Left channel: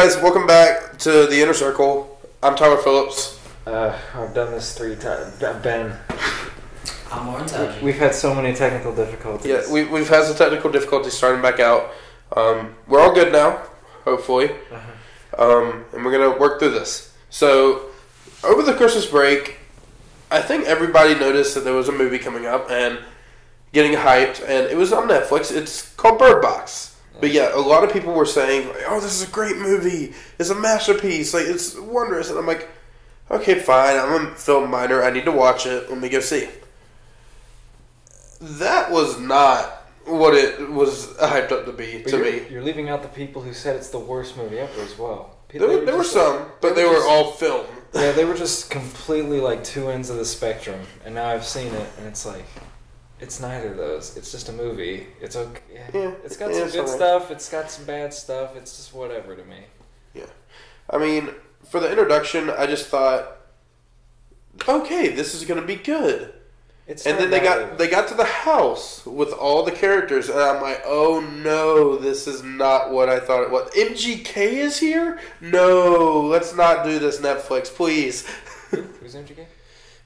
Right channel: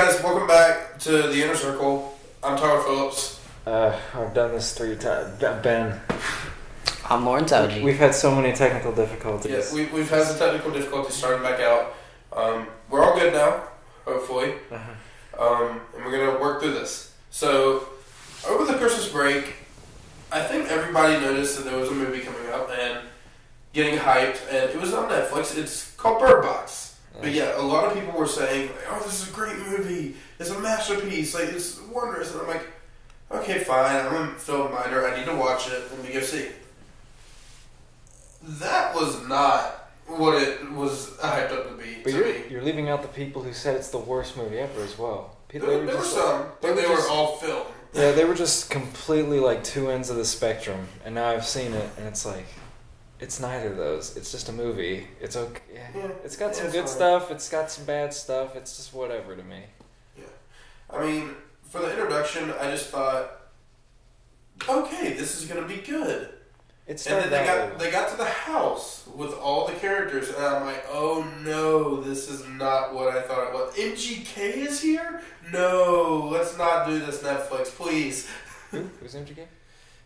guys, welcome back to the Inner Circle. I'm Tyler Phillips. I've done this 3 times. Ben. I'm Lauren Towdy. We've had so many technical difficulties. Yeah, we've had some technical difficulties starting back out. We're all good now, hopefully. And we're going to work through this. So, over the Christmas break, I think everybody noticed that there was a movie coming up and getting hyped, and it was on Netflix. It's called Bird Box. But yeah, a lot of people were saying, like, oh, this is a great movie. It's a masterpiece. Like, it's wondrous. And I'm like, okay, fine. I'm a film minor. I need to watch it. Let me go see it. That was not what it was hyped up to be to me. You're leaving out the people who said it's the worst movie ever as well. There were some, but they were all film. Yeah, they were just completely like two ends of the spectrum. And now I've seen it, and it's like, it's neither of those. It's just a movie. It's okay. Yeah, it's got some good stuff. It's got some bad stuff. It's just whatever to me. Yeah. I mean, for the introduction, I just thought, okay, this is going to be good. And then they got to the house with all the characters, and I'm like, oh no, this is not what I thought it was. MGK is here? No, let's not do this, Netflix, please. Who's MGK?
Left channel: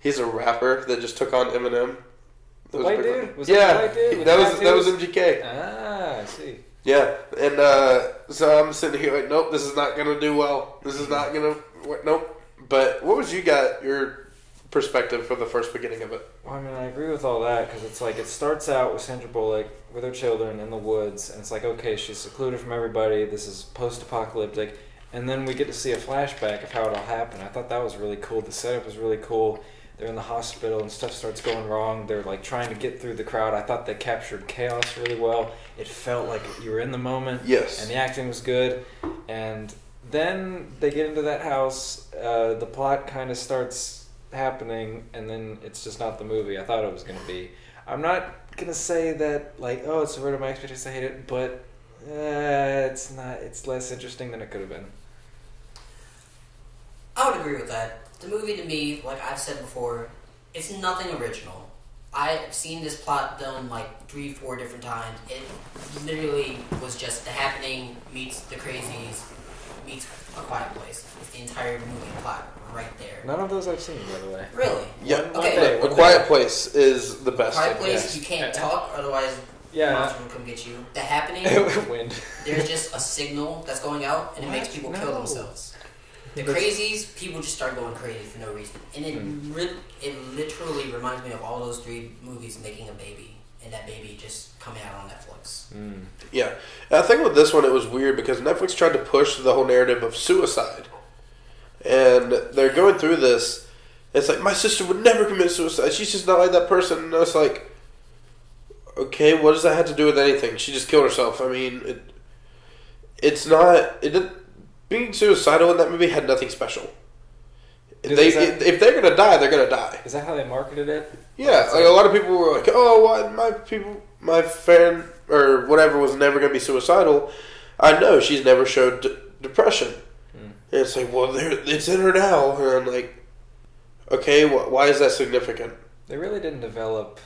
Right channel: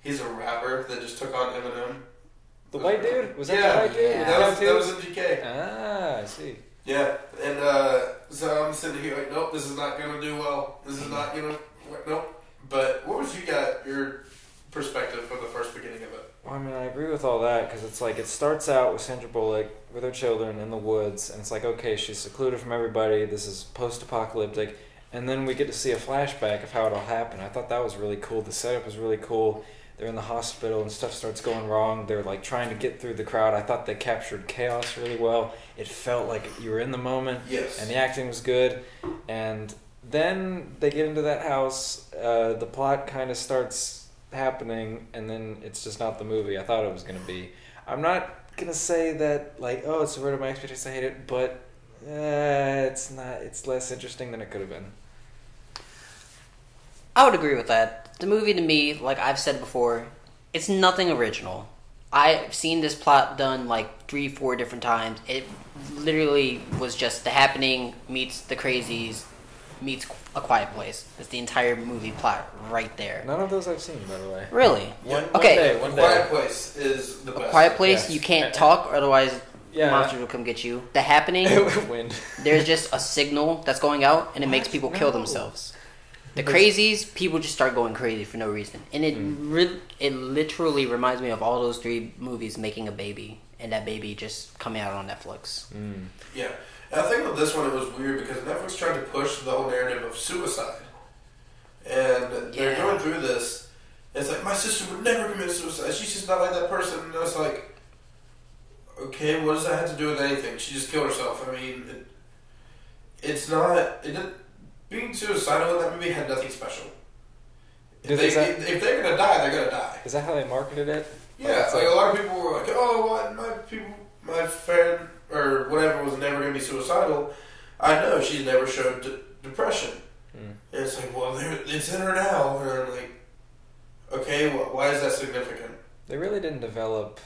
He's a rapper that just took on Eminem. The white dude? Was that the white dude? That was MGK. Ah, I see. Yeah, and so I'm sitting here like, nope, this is not going to do well. This is not going to, nope. But what was your perspective for the first beginning of it? Well, I mean, I agree with all that, because it's like, it starts out with Sandra Bullock with her children in the woods, and it's like, okay, she's secluded from everybody, this is post-apocalyptic, and then we get to see a flashback of how it all happened. I thought that was really cool. The setup was really cool. They're in the hospital and stuff starts going wrong. They're like trying to get through the crowd. I thought they captured chaos really well. It felt like you were in the moment. Yes. And the acting was good. And then they get into that house. The plot kind of starts happening, and then it's just not the movie I thought it was going to be. I'm not going to say that, like, oh, it's subverted my expectations, I hate it, but it's not. It's less interesting than it could have been. I would agree with that. The movie, to me, like I've said before, it's nothing original. I've seen this plot done like 3-4 different times. It literally was just The Happening meets The Crazies meets A Quiet Place. It's the entire movie plot right there. None of those I've seen, by the way. Really? Yeah. Okay. A Quiet Place is the best. A Quiet Place, yes. You can't talk, otherwise monsters will come get you. The Happening, Wind. There's just a signal that's going out, and it makes people kill themselves. The Crazies, people just start going crazy for no reason. And it literally reminds me of all those 3 movies making a baby, and that baby just coming out on Netflix. Yeah. And I think with this one, it was weird because Netflix tried to push the whole narrative of suicide. And they're going through this. It's like, my sister would never commit suicide. She's just not like that person. And I was like, okay, what does that have to do with anything? She just killed herself. I mean, it's not... It didn't... Being suicidal in that movie had nothing special. If they're gonna die, they're gonna die. Is that how they marketed it? Yeah, like a lot of people were like, "Oh, my friend or whatever was never gonna be suicidal." I know she's never showed depression. And it's like, well, it's in her now, and I'm like, okay, why is that significant? They really didn't develop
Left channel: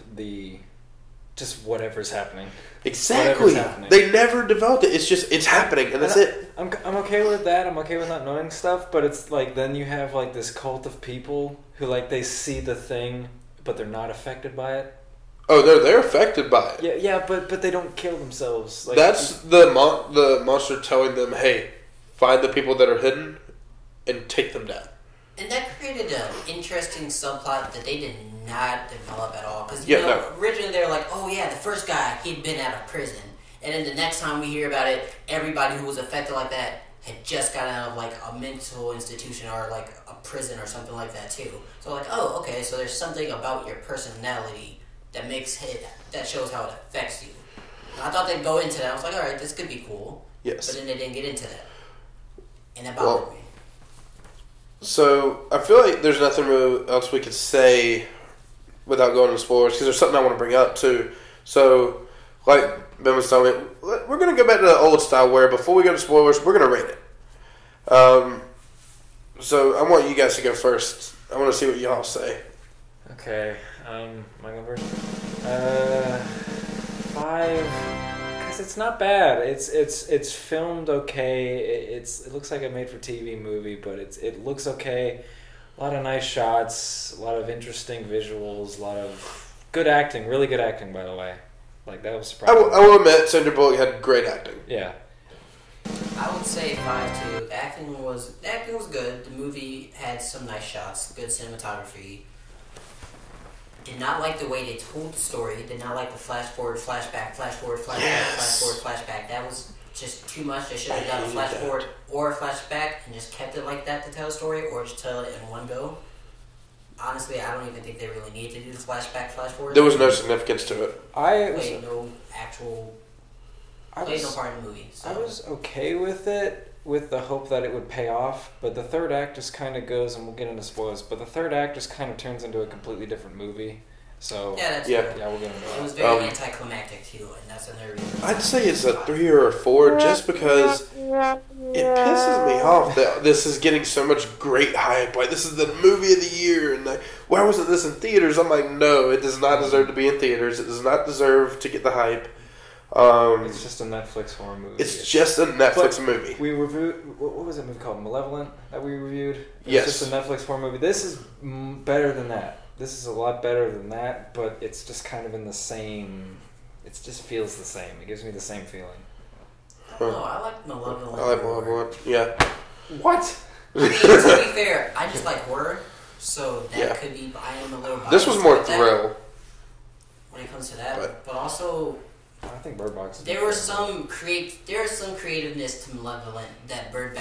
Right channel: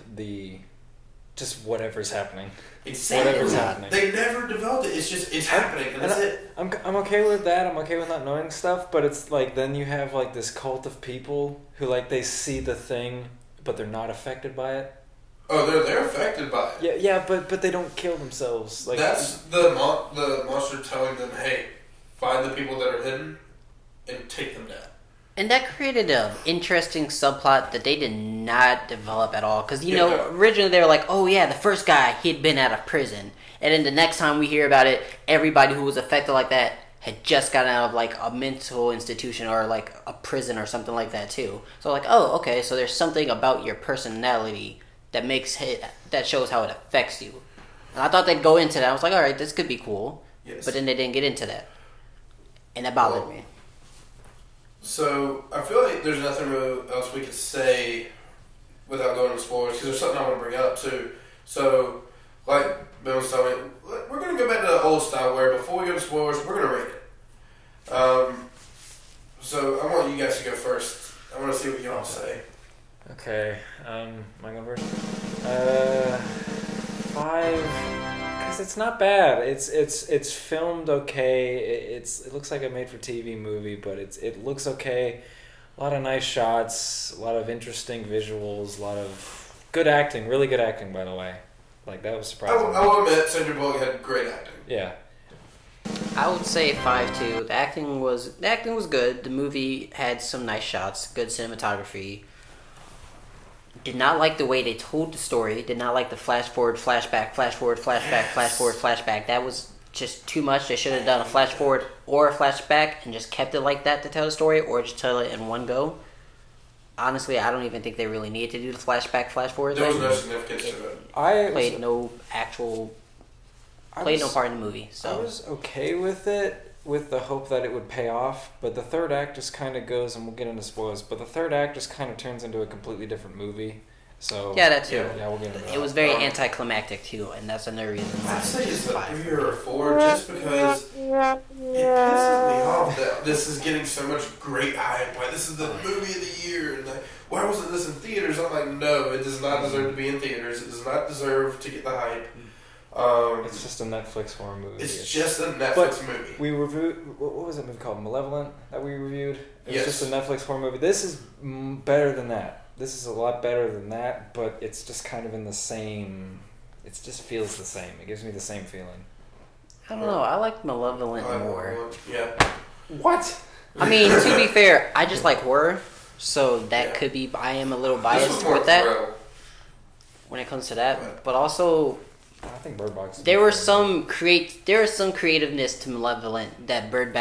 just whatever's happening. Exactly. Whatever's happening. They never developed it. It's happening, and that's it. I'm okay with that. I'm okay with not knowing stuff, but it's like then you have like this cult of people who like they see the thing, but they're not affected by it. Oh, they're affected by it. Yeah, but they don't kill themselves. Like, that's the monster telling them, "Hey, find the people that are hidden and take them down." And that created an interesting subplot that they did not develop at all. Because, originally they were like, oh yeah, the first guy, he'd been out of prison. And then the next time we hear about it, everybody who was affected like that had just gotten out of like a mental institution or like a prison or something like that too. So like, oh, okay, so there's something about your personality that that shows how it affects you. And I thought they'd go into that. I was like, alright, this could be cool. Yes. But then they didn't get into that. And that bothered me. So, I feel like there's nothing really else we could say without going into spoilers, because there's something I want to bring up, too. So, like Ben was telling me, we're going to go back to the old style where before we go to spoilers, we're going to rate it. So, I want you guys to go first. I want to see what y'all say. Okay. Am I going first? 5... it's not bad. It's filmed okay. It looks like a made-for-TV movie, but it looks okay. A lot of nice shots, a lot of interesting visuals, a lot of good acting. Really good acting, by the way. Like, that was surprising. I will admit, Sandra Bullock had great acting. Yeah. I would say 5-2. The acting was good. The movie had some nice shots, good cinematography. Did not like the way they told the story. Did not like the flash forward, flashback, flash forward, flashback, flash forward, flashback. That was just too much. They should have done a flash forward or a flashback and just kept it like that to tell the story, or just tell it in one go. Honestly, I don't even think they really needed to do the flashback, flash forward. There was no significance to it. Played no part in the movie. So. I was okay with it, with the hope that it would pay off, but the third act just kind of goes, and we'll get into spoilers, but the third act just kind of turns into a completely different movie. So yeah, we'll get into that. It was very anticlimactic too, and that's another reason. I'd say it's a 3 or a 4, just because it pisses me off that this is getting so much great hype. Like, this is the movie of the year, and like, why wasn't this in theaters? I'm like, no, it does not deserve to be in theaters. It does not deserve to get the hype. It's just a Netflix horror movie. It's just a Netflix movie. We reviewed, what was that movie called? Malevolent that we reviewed? Yes. It's just a Netflix horror movie. This is better than that. This is a lot better than that, but it's just kind of in the same... It just feels the same. It gives me the same feeling. I don't know. I like Malevolent more. Malevolent, yeah. What? I mean, to be fair, I just like horror, so that could be... I am a little biased this was more with that thrill. when it comes to that, but also... I think Bird Box is there was some creativeness to Malevolent that Bird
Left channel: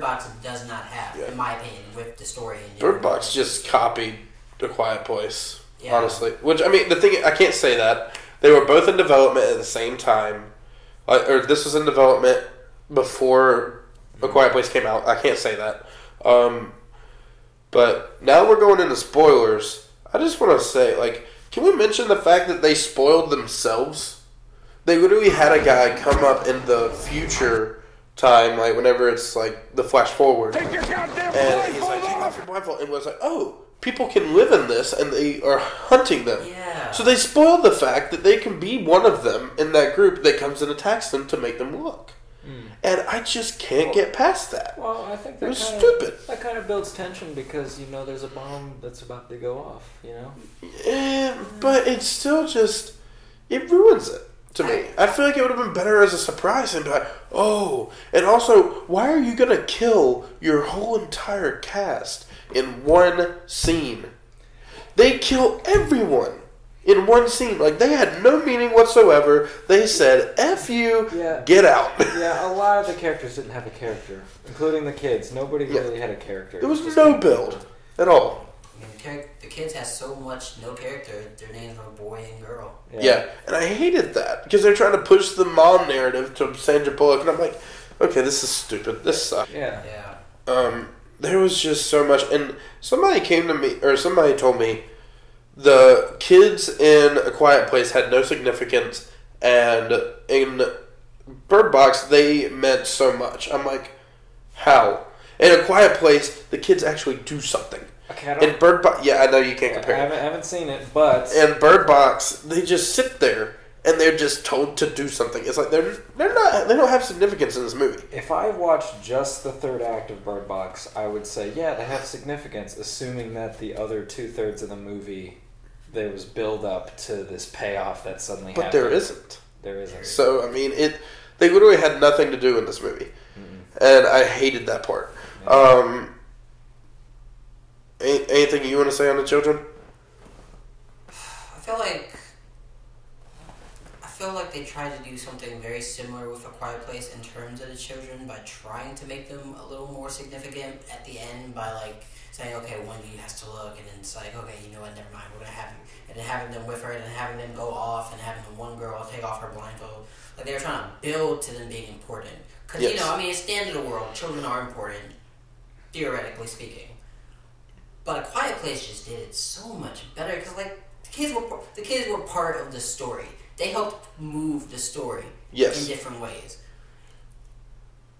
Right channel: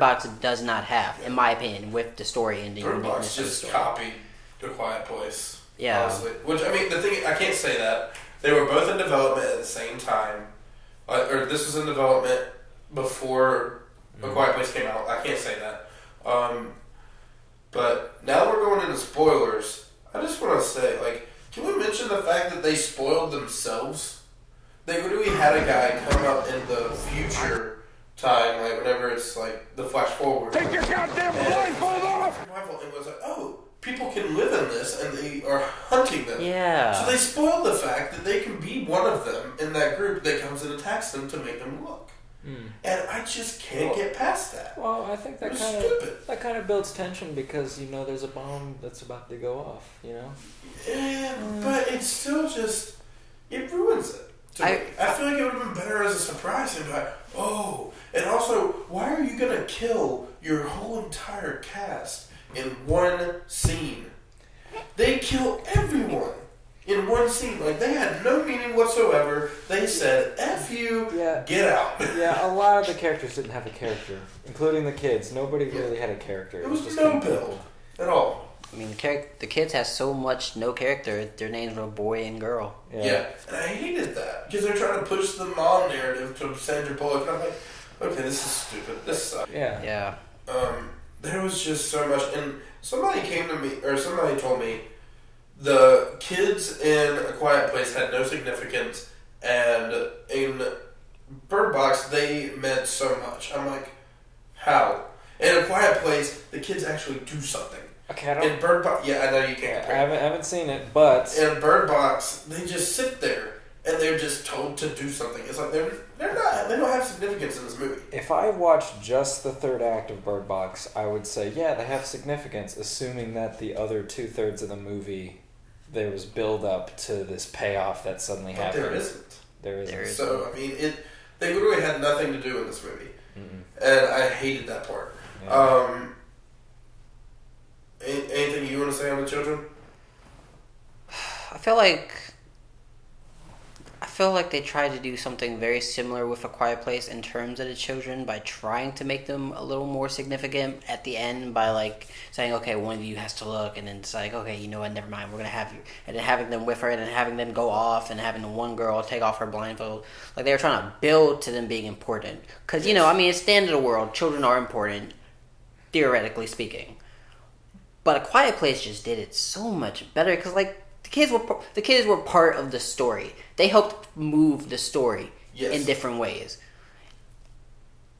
Box does not have, in my opinion, with the story ending. Bird Box just copied A Quiet Place, yeah. Honestly. Which, I mean, the thing, I can't say that. They were both in development at the same time. Or this was in development before A Quiet Place came out. I can't say that. But now we're going into spoilers. I just want to say, like, can we mention the fact that they spoiled themselves? They literally had a guy come up in the future time, like whenever it's like the flash forward. Take your goddamn blindfold off! And was like, oh, people can live in this, and they are hunting them. Yeah. So they spoiled the fact that they can be one of them in that group that comes and attacks them to make them look. And I just can't get past that. Well, I think that stupid. Kind of builds tension because, you know, there's a bomb that's about to go off, you know? Yeah, but it's still just... It ruins it. I feel like it would have been better as a surprise and be like, oh, and also, why are you going to kill your whole entire cast in one scene? They kill everyone in one scene. Like, they had no meaning whatsoever. They said, F you, get out. Yeah, a lot of the characters didn't have a character, including the kids. Nobody really had a character. There was just no build at all. I mean, the kids have so much no character. Their names were boy and girl. Yeah, and I hated that because they're trying to push the mom narrative to Sandra Bullock, and I'm like, okay, this is stupid. This sucks. Yeah. There was just so much, and somebody came to me, or somebody told me, the kids in A Quiet Place had no significance, and in Bird Box they meant so much. I'm like, how? In A Quiet Place, the kids actually do something. Okay, in Bird Box, I know you can't compare. I haven't seen it, but in Bird Box, they just sit there and they're just told to do something. It's like they don't have significance in this movie. If I watched just the third act of Bird Box, I would say they have significance, assuming that the other 2/3 of the movie there was build up to this payoff that suddenly happened. But there isn't. There isn't. So I mean, they literally had nothing to do in this movie, and I hated that part. Yeah. Anything you want to say on the children? I feel like they tried to do something very similar with A Quiet Place in terms of the children by trying to make them a little more significant at the end by like saying, okay, one of you has to look, and then it's like, okay, you know what, never mind, we're gonna have you, and then having them with her, and then having them go off, and having the one girl take off her blindfold. Like they were trying to build to them being important, because you know, I mean, it's the end of the world. Children are important, theoretically speaking. But A Quiet Place just did it so much better because, like, the kids were part of the story. They helped move the story in different ways.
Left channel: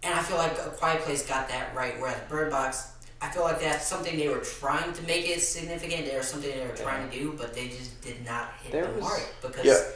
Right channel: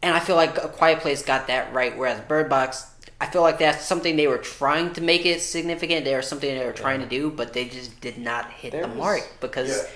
And I feel like A Quiet Place got that right, whereas Bird Box, I feel like that's something they were trying to make it significant. There was something they were trying to do, but they just did not hit the mark because,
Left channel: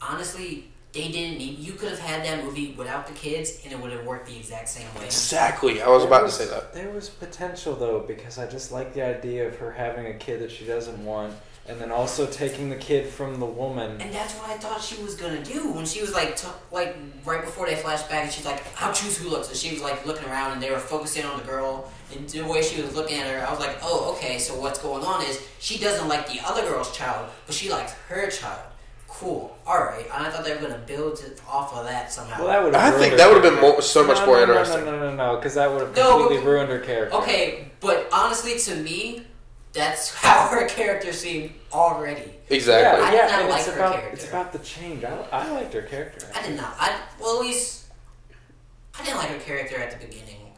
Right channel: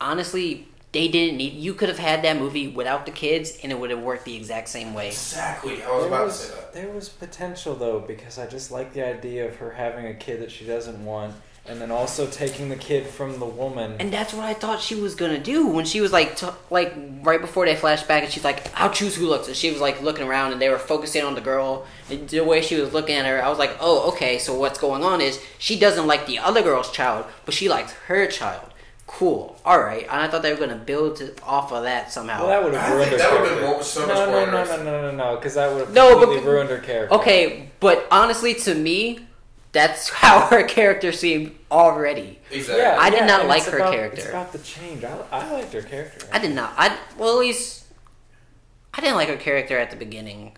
honestly, they didn't need. You could have had that movie without the kids, and it would have worked the exact same way. Exactly. I was about to say that. There was potential though, because I just like the idea of her having a kid that she doesn't want, and then also taking the kid from the woman. And that's what I thought she was gonna do when she was like right before they flashed back, and she's like, "I'll choose who looks." And she was like looking around, and they were focusing on the girl. And the way she was looking at her, I was like, "Oh, okay. So what's going on is she doesn't like the other girl's child, but she likes her child." Cool. All right. And I thought they were gonna build off of that somehow. Well, that would have. I think that would have been so much more interesting. No, because that would have completely ruined her character. Okay, but honestly, to me, that's how her character seemed already. Exactly. I did not like her character. It's about the change. I liked her character. I did not. Well, at least I didn't like her character at the beginning.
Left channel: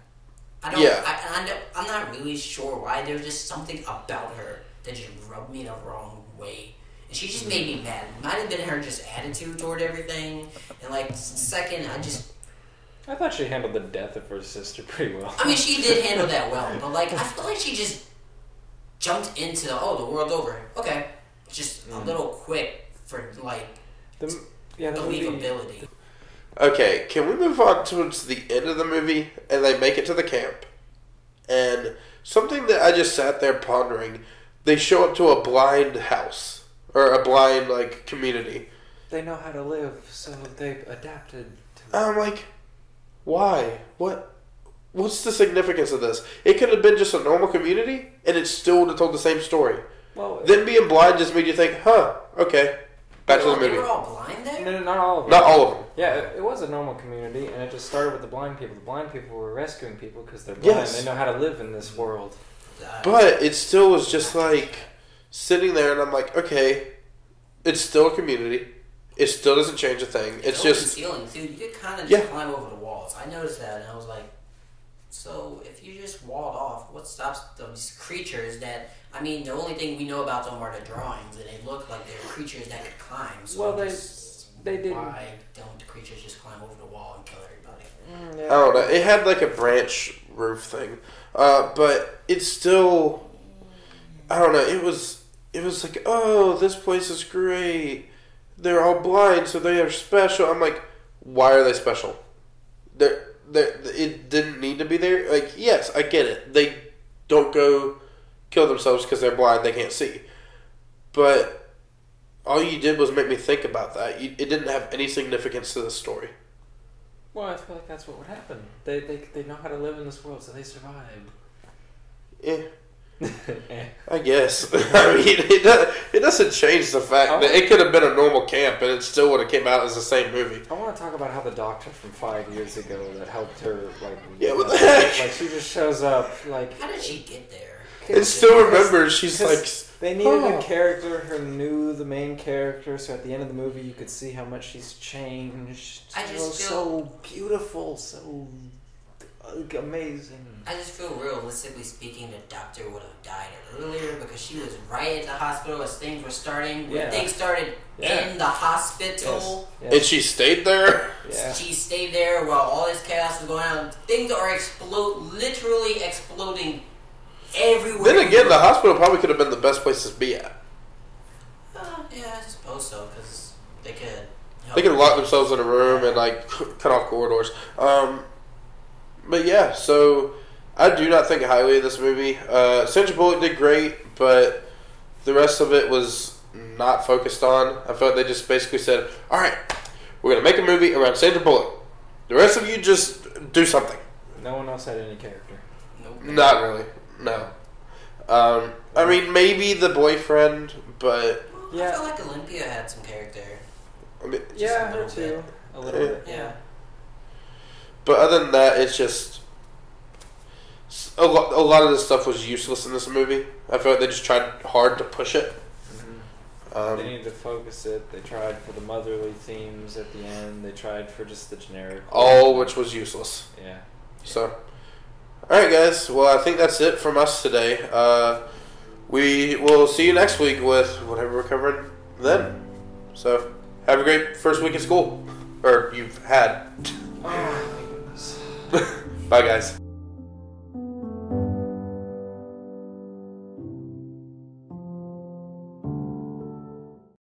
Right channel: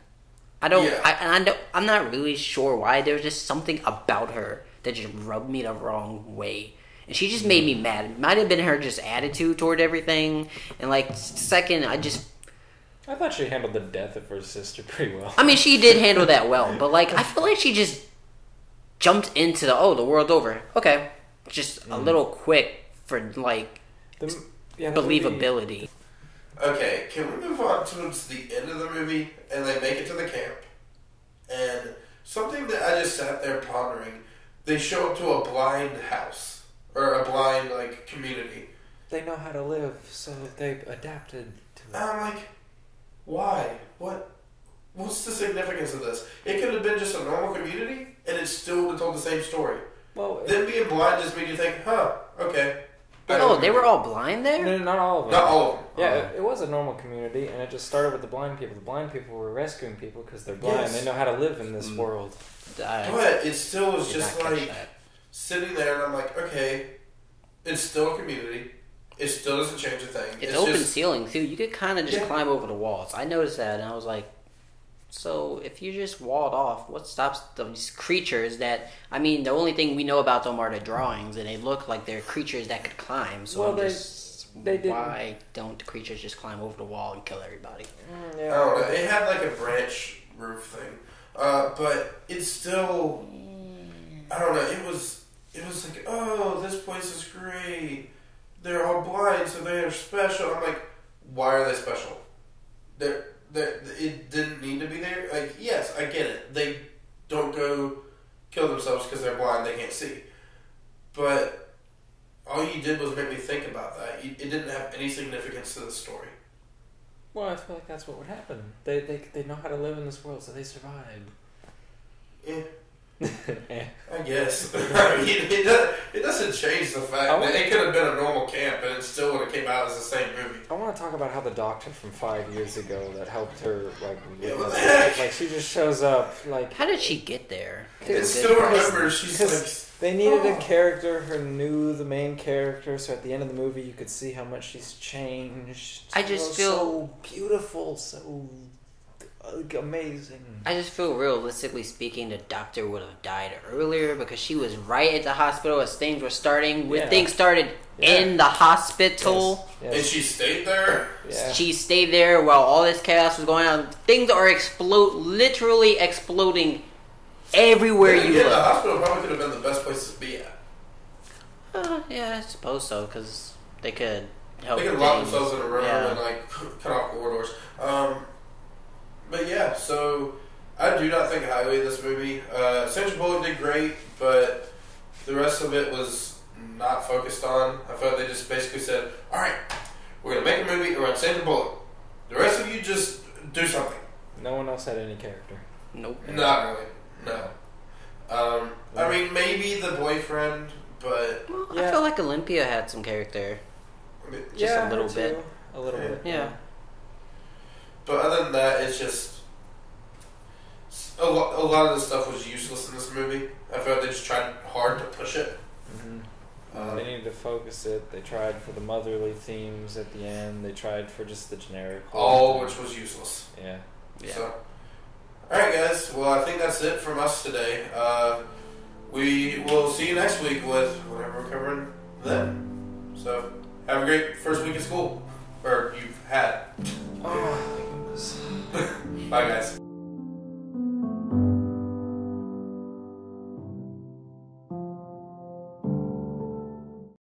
I don't. Yeah. I'm not really sure why. There was just something about her that just rubbed me the wrong way, and she just made me mad. It might have been her just attitude toward everything, and like second, I thought she handled the death of her sister pretty well. I mean, she did handle that well, but like I feel like she just jumped into the world over. Okay, just a little quick for like believability. Okay, can we move on towards the end of the movie and they make it to the camp? And something that I just sat there pondering, they show up to a blind house or a blind like community. They know how to live, so they've adapted to it. I'm like, why? What's the significance of this? It could have been just a normal community, and it still would have told the same story. Well, them being blind just made you think, huh, okay. Oh, they were all blind there? No, not all of them. Not all of them. Yeah, it was a normal community, and it just started with the blind people. The blind people were rescuing people because they're blind. Yes. They know how to live in this world. But it still was just like sitting there, and I'm like, okay, it's still a community. It still doesn't change a thing. It's open ceiling, too. You could kind of just climb over the walls. I noticed that, and I was like, so if you just walled off, what stops those creatures that... I mean, the only thing we know about them are the drawings, and they look like they're creatures that could climb. So they didn't. Why don't the creatures just climb over the wall and kill everybody? I don't know. It had like a branch roof thing. But it's still... I don't know. It was like, oh, this place is great. They're all blind, so they are special. I'm like, why are they special? It didn't need to be there. Like, yes, I get it. They don't go kill themselves because they're blind, they can't see. But all you did was make me think about that. It didn't have any significance to the story. Well, I feel like that's what would happen. They know how to live in this world, so they survived. Yeah. I guess. I mean, it doesn't change the fact that it could have been a normal camp and it still would have came out as the same movie. I want to talk about how the doctor from 5 years ago that helped her, like, what the heck? Like, she just shows up, like... How did she get there? It still remembers, she's like... They needed a character who knew the main character, so at the end of the movie you could see how much she's changed. I just feel... so beautiful, so... amazing. I just feel, realistically speaking, the doctor would have died earlier because she was right at the hospital as things were starting. When things started in the hospital. Yes. And she stayed there? Yeah. She stayed there while all this chaos was going on. Things are literally exploding everywhere. Then again, the hospital probably could have been the best place to be at. Yeah, I suppose so, because they could help. They could lock themselves in a room and, like, cut off corridors. But yeah, so I do not think highly of this movie. Sandra Bullock did great, but the rest of it was not focused on. I felt they just basically said, all right, we're going to make a movie around Sandra Bullock. The rest of you just do something. No one else had any character. Nope. Not really, no. I mean, maybe the boyfriend, but... I feel like Olympia had some character. I mean, just a little bit. A little bit, yeah. But other than that, it's just a lot of this stuff was useless in this movie. I feel like they just tried hard to push it. Mm-hmm. They needed to focus it. They tried for the motherly themes at the end. They tried for just the generic. All which was useless. Yeah. So, all right, guys. Well, I think that's it from us today. We will see you next week with whatever we're covering then. So, have a great first week of school, or you've had. Oh my goodness. Bye, guys.